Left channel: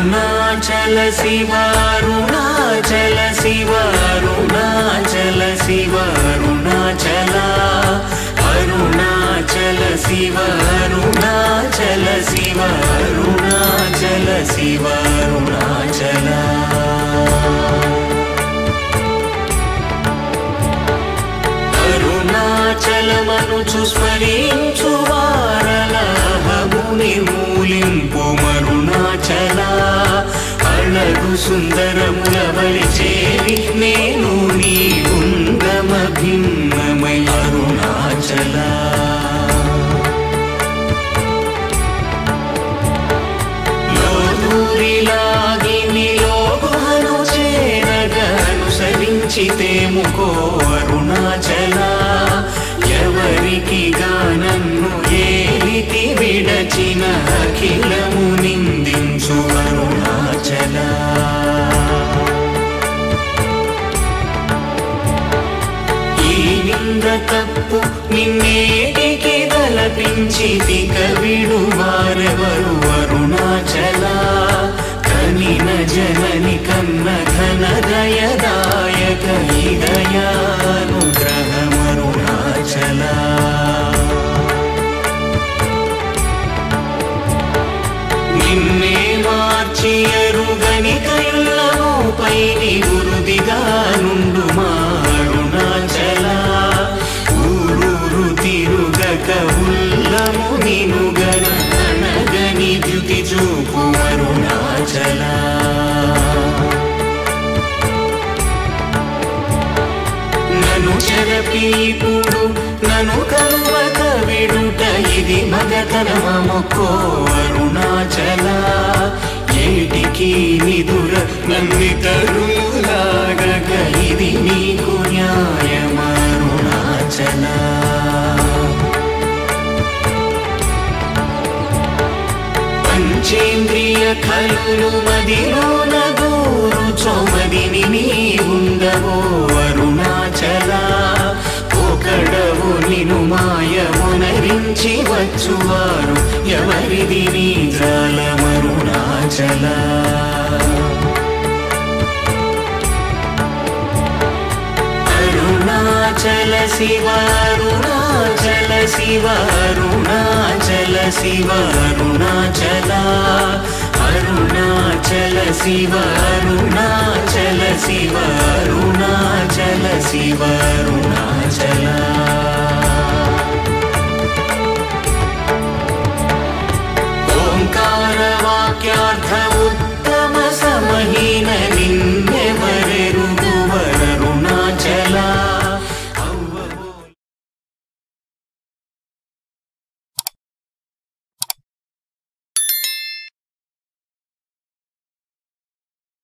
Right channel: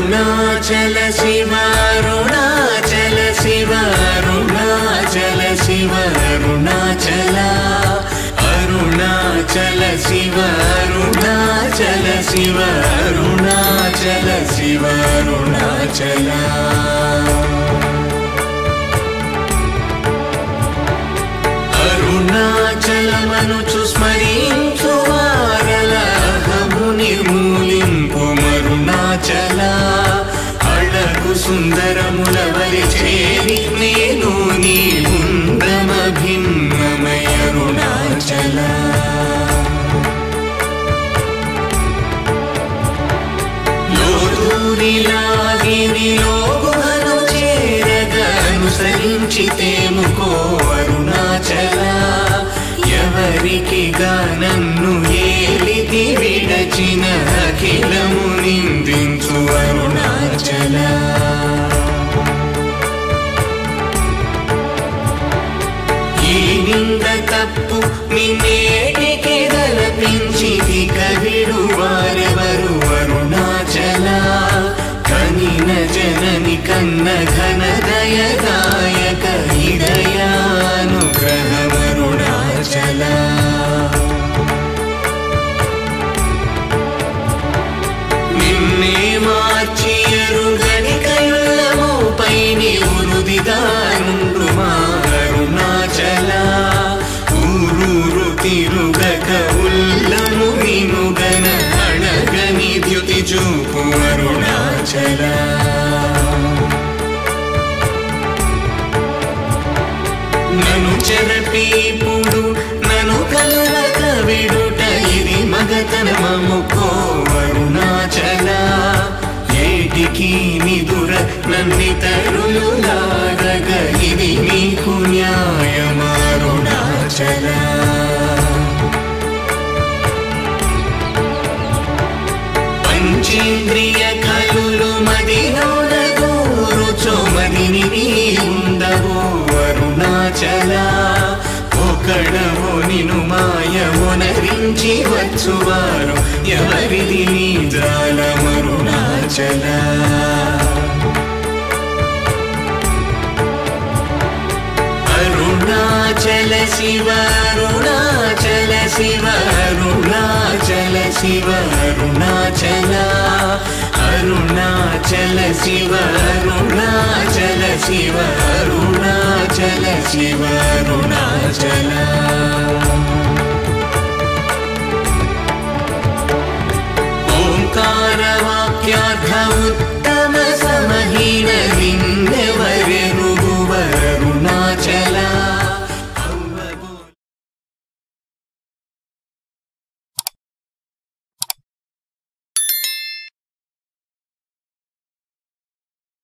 అరుణాచల శివ అరుణాచల శివ అరుణాచల శివ అరుణాచల అరుణాచల శివ అరుణాచల శివ అరుణాచల శివ అరుణాచల అరుణాచలమనుచు స్మరించు వారలహము నిర్మూలింపు మరుణాచల అళగు సుందరముల వలి చేరి నేను నీ గుండమ భిన్నమయ అరుణాచల అనుసరించితేముకో అరుణాచల ఎవరికి గానన్ను ఏలితి విడచిన అఖిలము నిందించు అరుణాచల ఈ నింద తప్పు నిన్నేటికి గలపించితి కవిడు వారెవరు అరుణాచల కనిన జనని కన్న ఘన దయదాయక హృదయానుగ్రహమరుణాచల నిన్నే మార్చి ఎరుగని కళ్ళముపై నివృదిగా నుండు మా అరుణాచల ఊరూరు తిరుగక ఉల్లము వినుగన అణగని ధృతి చూపు అరుణాచల నను చెరపీపుడు నను కలక విడుట ఇది మగతరమముకో అరుణాచల ఏటికి నిదుర నందితరులాగగ ఇది నీకు న్యాయమరుణాచల పంచేంద్రియ కలులు మదిలోన గూరుచోమదిని నీ ఉండవో అరుణాచల ఒకడవు నిను మాయమునరించి వచ్చువారు ఎవరిది నీ జాలమరుణాచల అరుణాచల శివ అరుణాచల శివ అరుణాచల శివ అరుణాచల అరుణాచల శివ అరుణాచల శివ అరుణాచల శివ అరుణాచల